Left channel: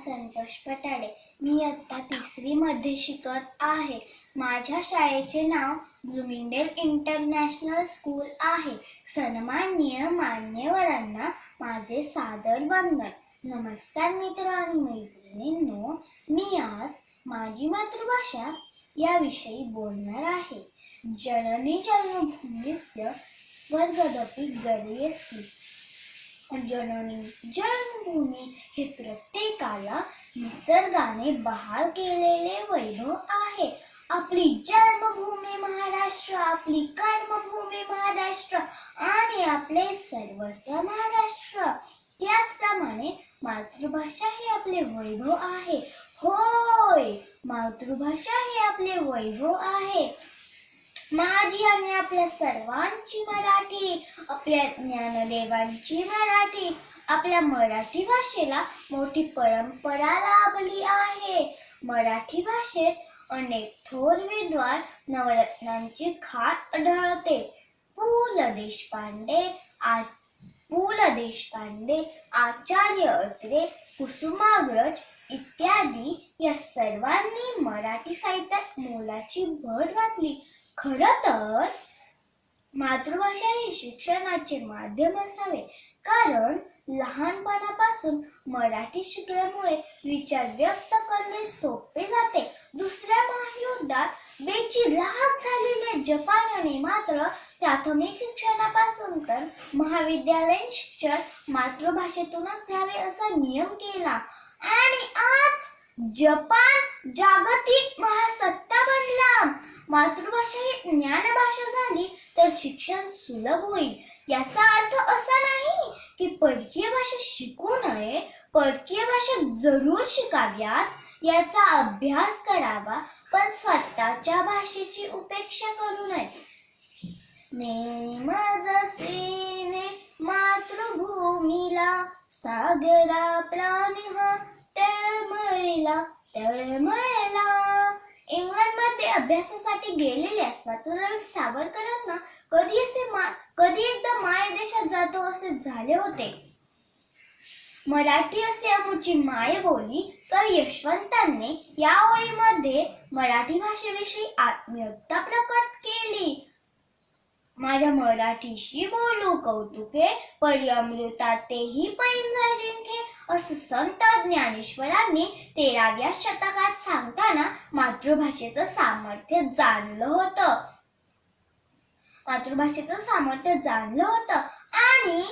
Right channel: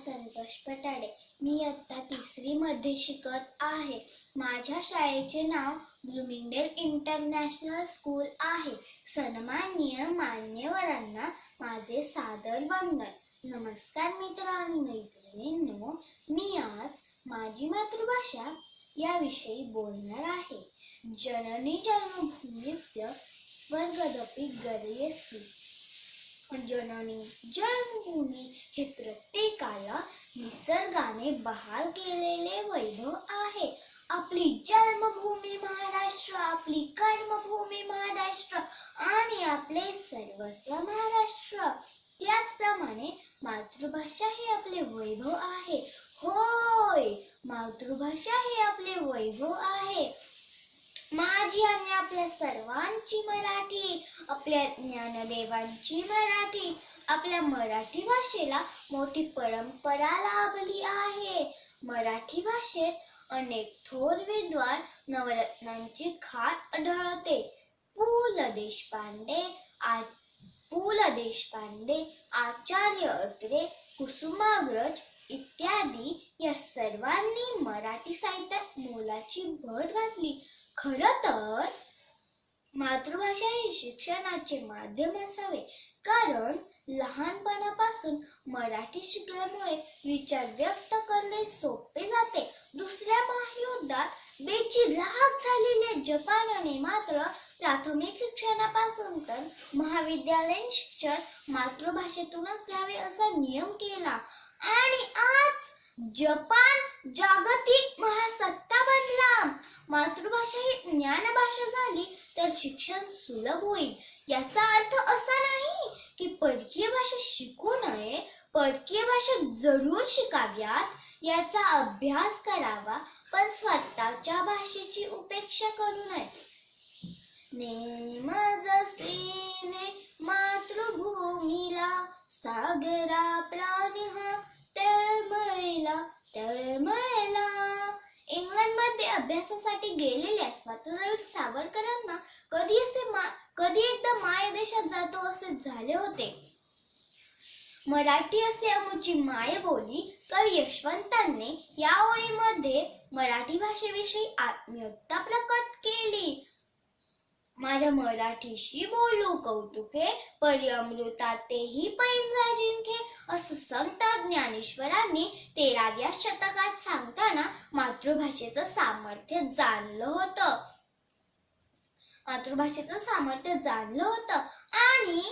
संतोष पटाडे। मी इयत्ता 3री मध्ये शिकत आहे। माझ्या शाळेचे नाव ब्लूमिंगडेल इंटरनॅशनल स्कूल आहे। सन्माननीय मान्यवरांना माझे सादर वंदन। नमस्कार मित्र आणि मैत्रिणींनो, मी आज माझी मातृभाषा याविषयी बोलणार आहे। जननी जन्मभूमीस्य स्वर्गदपि गरीयसी। जननी जन्मभूमी हे प्रत्येकाला निसर्गाने बहाल केलेले वैभव आहे। आपली जन्मभूमी महाराष्ट्र, आपली कर्मभूमी महाराष्ट्र आणि आपले सर्वस्व महाराष्ट्र। त्याचप्रमाणे मातृभाषा हे आपले वैभव आहे। होय, मातृभाषा हे आपले वैभव आहे। माझी आणि आपल्या सर्वांची मराठी, आपल्या ज्ञानदेवांची मराठी। आपल्या मराठी भाषेला मोठी परंपरा लाभली आहे। मराठी भाषेत अनेक थोर विद्वान नवरत्नांची खाण आढळते। पु ल देशपांडे, आचार्य अत्रे, कुसुमाग्रज इत्यादी या सर्वांनी मराठी साहित्यात मोलाची भर घातली। खरं तर मातृभाषा ही शिक्षणाचे माध्यम असावे, कारण लहानपणापासून मराठी शिकल्यामुळे विचार व्यक्त करणे सोपे जाते। दुसऱ्या महायुद्धात बेचिराख झालेल्या जपानने मात्र प्राथमिक शिक्षणापासून तर महाविद्यालयीन शिक्षण मातृभाषेतूनच घ्यावे असा नियम केला आणि आज जपान जागतिक महासत्ता बनला। मातृभाषा ही ज्ञानभाषा झाली तर शिक्षण सुलभ होईल। याचा अर्थ असा नाही की परकीय भाषा शिकू नये, परकीय भाषा जरूर शिकाव्यात, याचा अभ्यास करावा, पण स्वतःच्या भाषेची उपेक्षा करू नये। नेम जसे मातृभूमीला सागरा प्राणिहा तळमळला। इंग्लंडमध्ये अभ्यासासाठी गेलेल्या स्वातंत्र्यवीर सावरकरांना कधी एकदा मायदेशात जातो असे झाले होते। मराठी असे आमुची मायबोली कवी यशवंतांनी या ओळीमध्ये मराठी भाषेविषयी आत्मीयता प्रकट केली। माझ्या मराठीशी बोलू कौतुके, परी अमृता तेही पैंजा जिंके, असं संत ज्ञानेश्वरांनी 13व्या शतकात सांगताना मातृभाषेचं सामर्थ्य जाणलं होतं आणि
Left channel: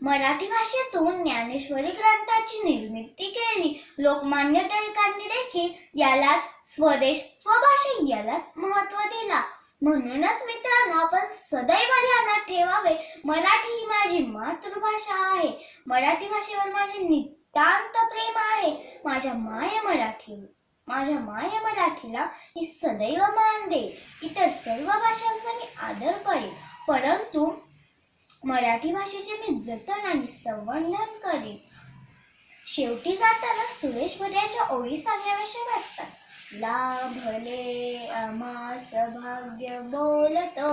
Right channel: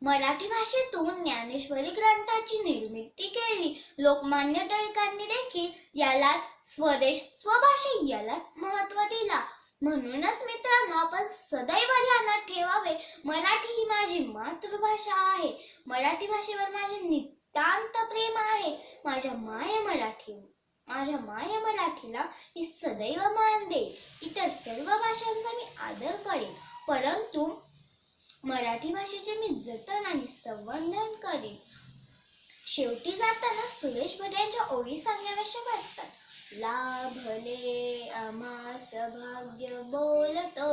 मराठी भाषेतून ज्ञानेश्वरी ग्रंथाची निर्मिती केली। लोकमान्य टिळकांनी देखील यालाच स्वदेश स्वभाषा यालाच महत्त्व दिला। म्हणूनच मित्रांनो, आपण सदैव ध्यानात ठेवावे, मराठी ही माझी मातृभाषा आहे। मराठी भाषेवर माझे नितांत प्रेम आहे। माझ्या माय मराठीला मी सदैव मान देईन। इतर सर्व भाषांचा मी आदर करेन, परंतु मराठी भाषेचे मी जतन आणि संवर्धन करेन। शेवटी जाताना सुरेश भट यांच्या ओळी सांगाव्याशा वाटतात। लाभले आम्हास भाग्य बोलतो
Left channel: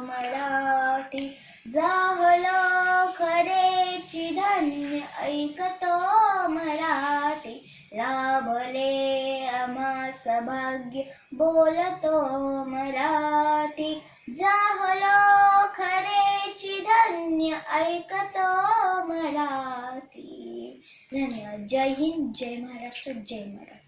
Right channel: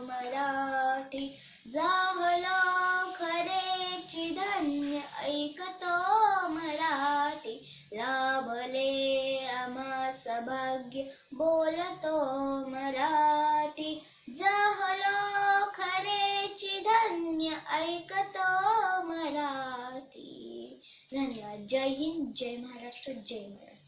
मराठी, जाहलो खरेची धन्य ऐकतो मराठी। लाभले आम्हास भाग्य बोलतो मराठी, जाहलो खरेची धन्य ऐकतो मराठी। धन्यवाद। जय हिंद, जय महाराष्ट्र, जय मराठी।